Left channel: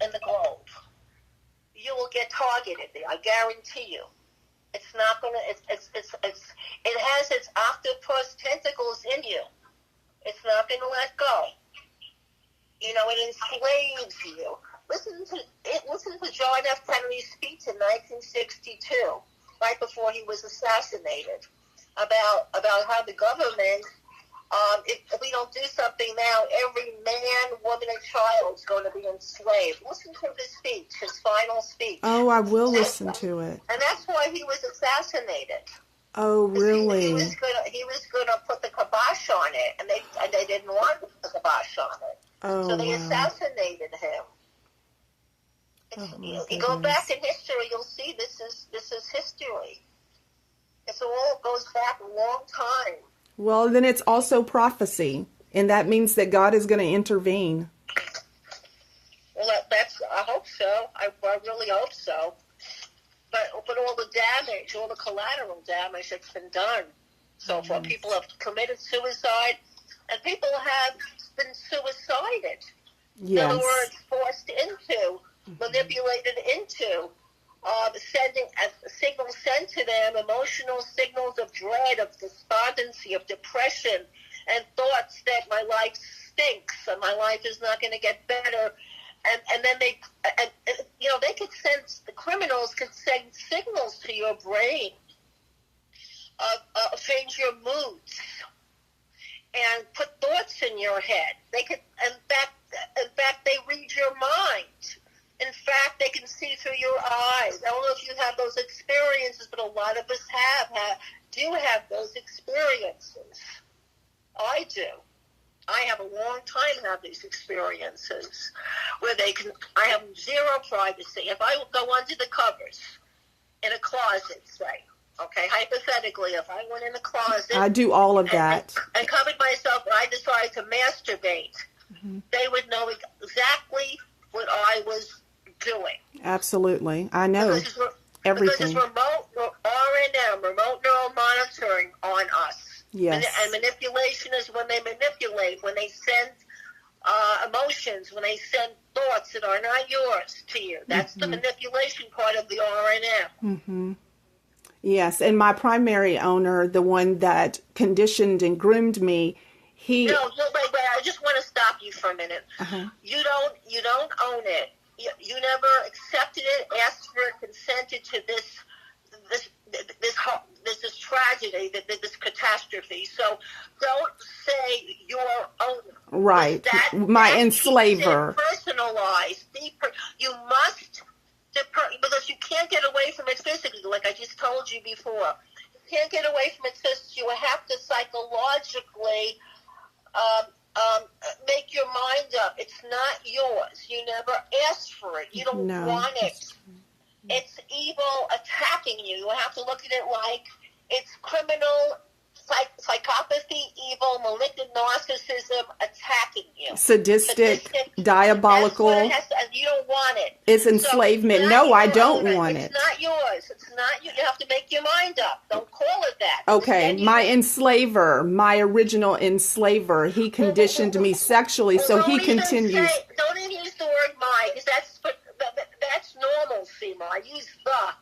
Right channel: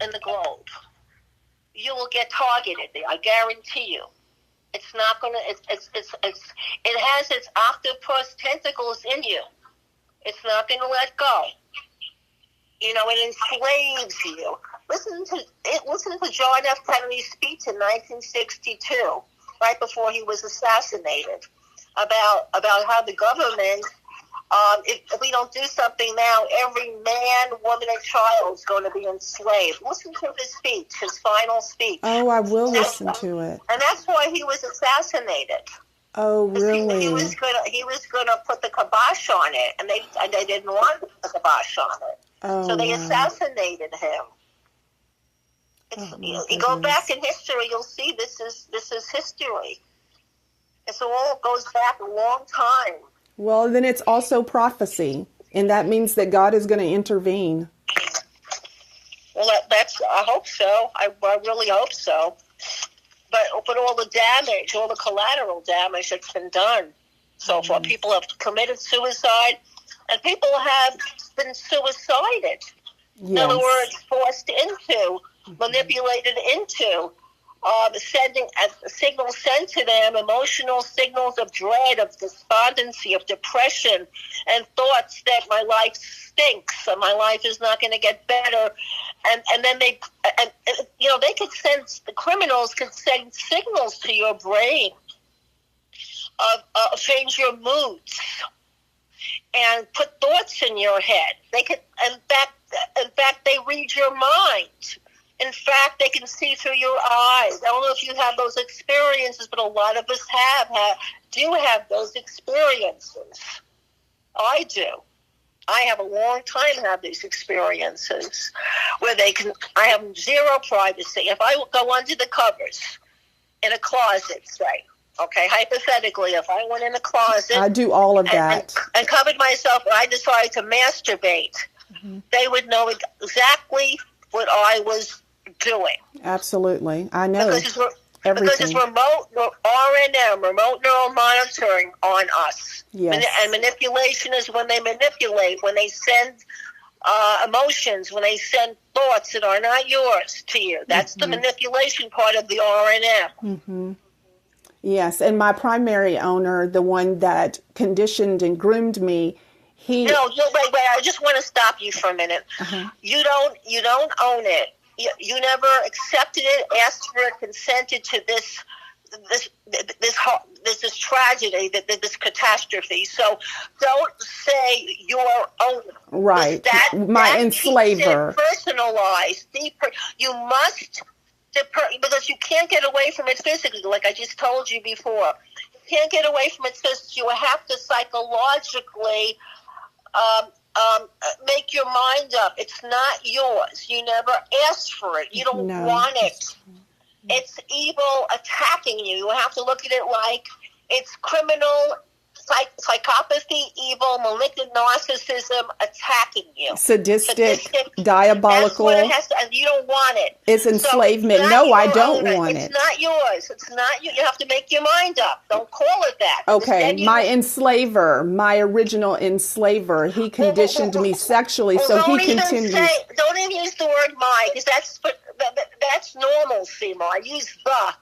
in the globe, you will get targeted there. I guarantee you. It's not gonna. It has its octopus tentacles in you. It's not gonna let go. It enslaves you. Listen to John F. Kennedy's speech in 1962, right before he was assassinated, about how the government. If we don't do something now, every man, woman, and child is going to be enslaved. Listen to his speech, his final speech. Oh, I will listen to it. And that's why he was assassinated. Oh, really? He was going to put the kibosh on it, and they didn't want the kibosh on it. Oh, so they wow. assassinated him. You go back in history, you'll see this is history. It all goes back a long time. Well, then it's also prophecy, and that means that God is going to intervene. Well, I hope so. I really hope so. But all the damage, all the collateral damage that's been done so far, people have committed suicide, and people have been suicided. Yes. In other words, forced into, manipulated into, sending signals sent to them, emotional signals of dread, of despondency, of depression, and thoughts that my life stinks and my life is not going to get better. And then they could send, the criminals could send signals to your brain of change your moods and put thoughts in your head. They could, in fact, they read your mind. In fact, they can see through your eyes. I don't know if you have those experiences, but a lot of us do have those experiences. I do. I have a long time have these experiences where I have zero privacy. If I go under the covers in a closet, say, okay, hypothetically, if I went in a closet. I do all of that. And covered myself and I decided to masturbate, they would know exactly what I was doing. Absolutely. I know. Everything. Because it's remote RNM, remote neural monitoring on us. Yes. And manipulation is when they manipulate, when they send emotions, when they send thoughts that are not yours to you. That's the manipulation part of the RNM. Yes, and my primary owner, the one that conditioned and groomed me, wait, I just want to stop you for a minute. You don't own it. You never accepted it, asked for it, consented to this tragedy, this catastrophe. So don't say your owner. Right, my enslaver. Personalized, deeper. You must, because you can't get away from it physically, like I just told you before. You can't get away from it physically. You have to psychologically make your mind up. It's not yours. You never asked for it. You don't want it. It's evil attacking you. You have to look at it like it's criminal, psychopathy, evil, malignant narcissism attacking you. Sadistic, diabolical. That's what it has to, and you don't want it. It's enslavement. So no, I don't want it. It's not yours. It's not you. You have to make your mind up. Don't call it that. Okay, my enslaver, my original enslaver, he conditioned me sexually, so he continues. Don't even use the word my, because that's normal, Seymour. I use the.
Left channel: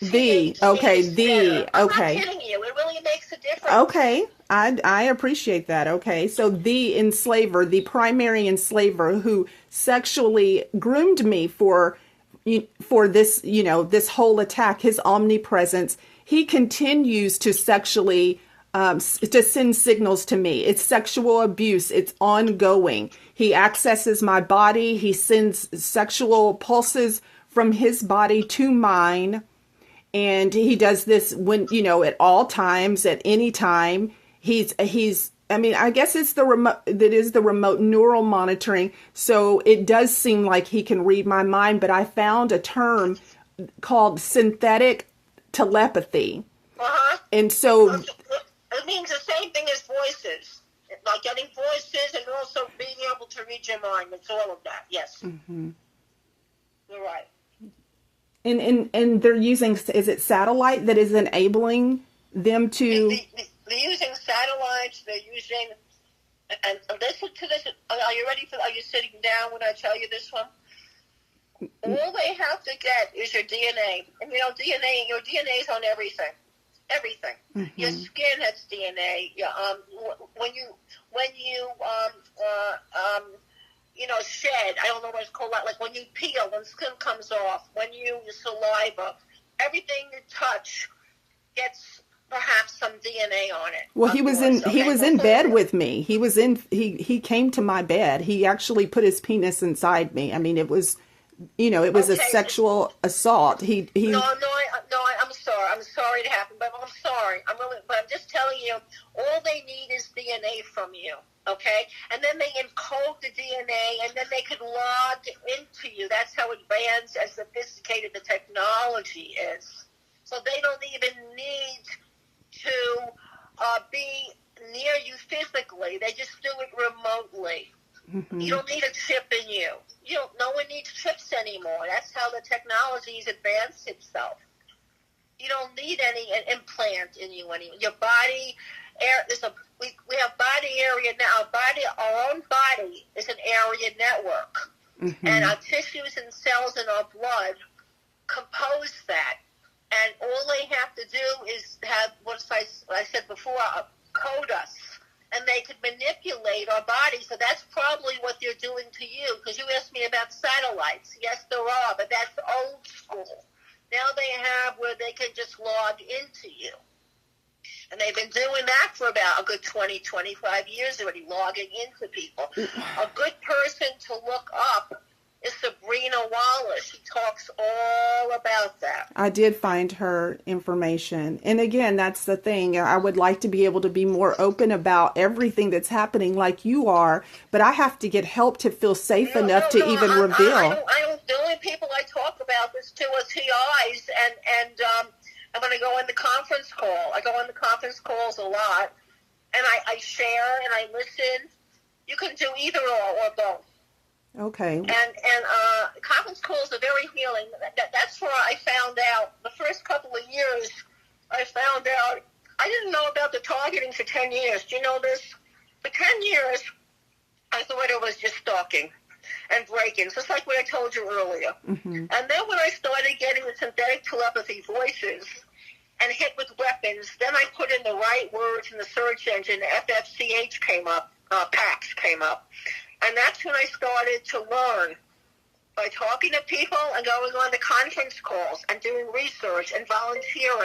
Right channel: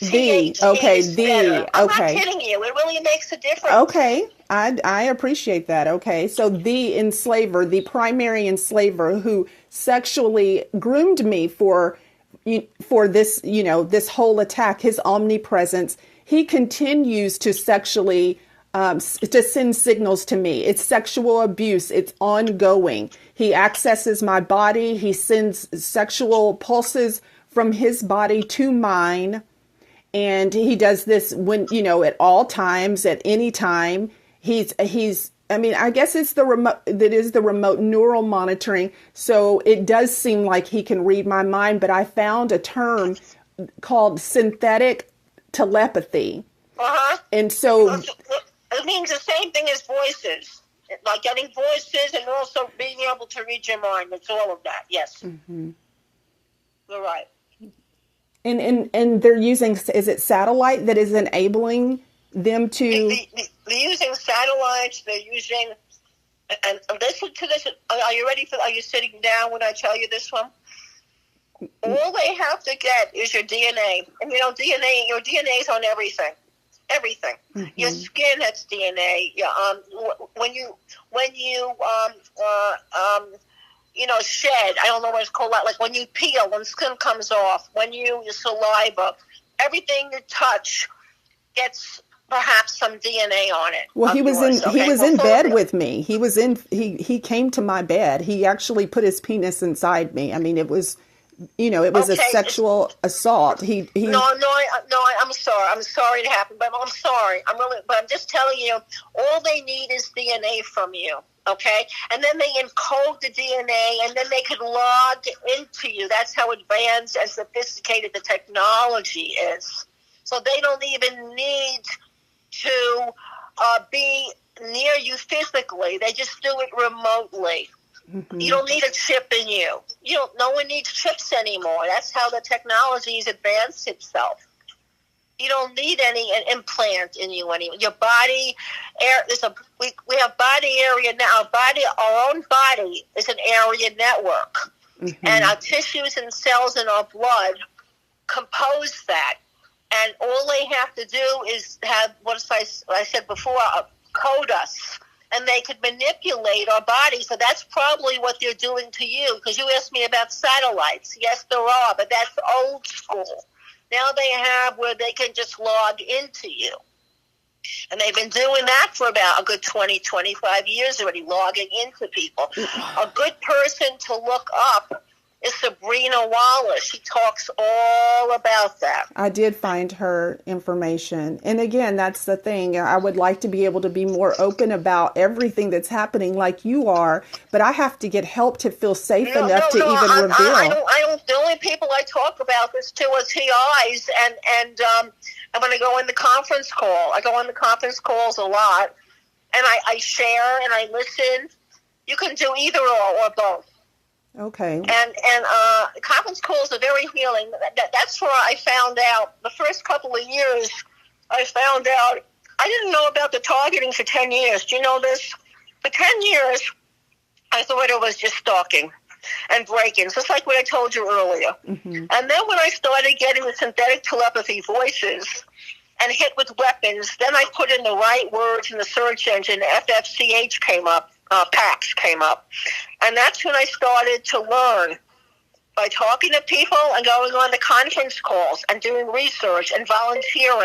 The, okay, the, I'm okay. not kidding you. It really makes a difference. Okay, I appreciate that. Okay, so the enslaver, the primary enslaver who sexually groomed me for this, this whole attack, his omnipresence, he continues to sexually, to send signals to me. It's sexual abuse. It's ongoing. He accesses my body. He sends sexual pulses from his body to mine. And he does this when, at all times, at any time. I guess it's the remote neural monitoring. So it does seem like he can read my mind, but I found a term called synthetic telepathy. And so it means the same thing as voices, like getting voices and also being able to read your mind. It's all of that. Yes. You're right. And they're using, is it satellite that is enabling them to? They're using satellites. They're using, and listen to this. Are you ready are you sitting down when I tell you this one? All they have to get is your DNA. And your DNA is on everything. Everything. Your Mm-hmm. skin has DNA. When you shed. I don't know what it's called. Like when you peel, when skin comes off, your saliva, everything you touch gets perhaps some DNA on it. Well, Of yours, he okay? was in bed with me. He came to my bed. He actually put his penis inside me. I mean, it was, it was a Okay. sexual assault. I'm sorry. I'm sorry it happened, but I'm sorry. But I'm just telling you, all they need is DNA from you, okay? And then they encode the DNA, and then they can log into you. That's how advanced and sophisticated the technology is. So they don't even need to be near you physically. They just do it remotely. Mm-hmm. You don't need a chip in you. No one needs chips anymore. That's how the technology has advanced itself. You don't need an implant in you anymore. Your body, we have body area now. Our own body is an area network, Mm-hmm. and our tissues and cells in our blood compose that. And all they have to do is have what I said before, code us. And they could manipulate our bodies. So that's probably what they're doing to you. Because you asked me about satellites. Yes, there are, but that's old school. Now they have where they can just log into you. And they've been doing that for about a good 20, 25 years already, logging into people. A good person to look up is Sabrina Wallace. She talks all about that. I did find her information. And again, that's the thing. I would like to be able to be more open about everything that's happening like you are, but I have to get help to feel safe enough to even reveal. The only people I talk about this to is TIs, and I'm going to go in the conference call. I go in the conference calls a lot, and I share and I listen. You can do either or both. Okay. And conference calls are very healing. That's where I found out the first couple of years. I found out I didn't know about the targeting for 10 years. Do you know this? For 10 years, I thought it was just stalking and break-ins, just like what I told you earlier. Mm-hmm. And then when I started getting the synthetic telepathy voices and hit with weapons, then I put in the right words in the search engine. FFCH came up. PAX came up. And that's when I started to learn by talking to people and going on the conference calls and doing research and volunteering.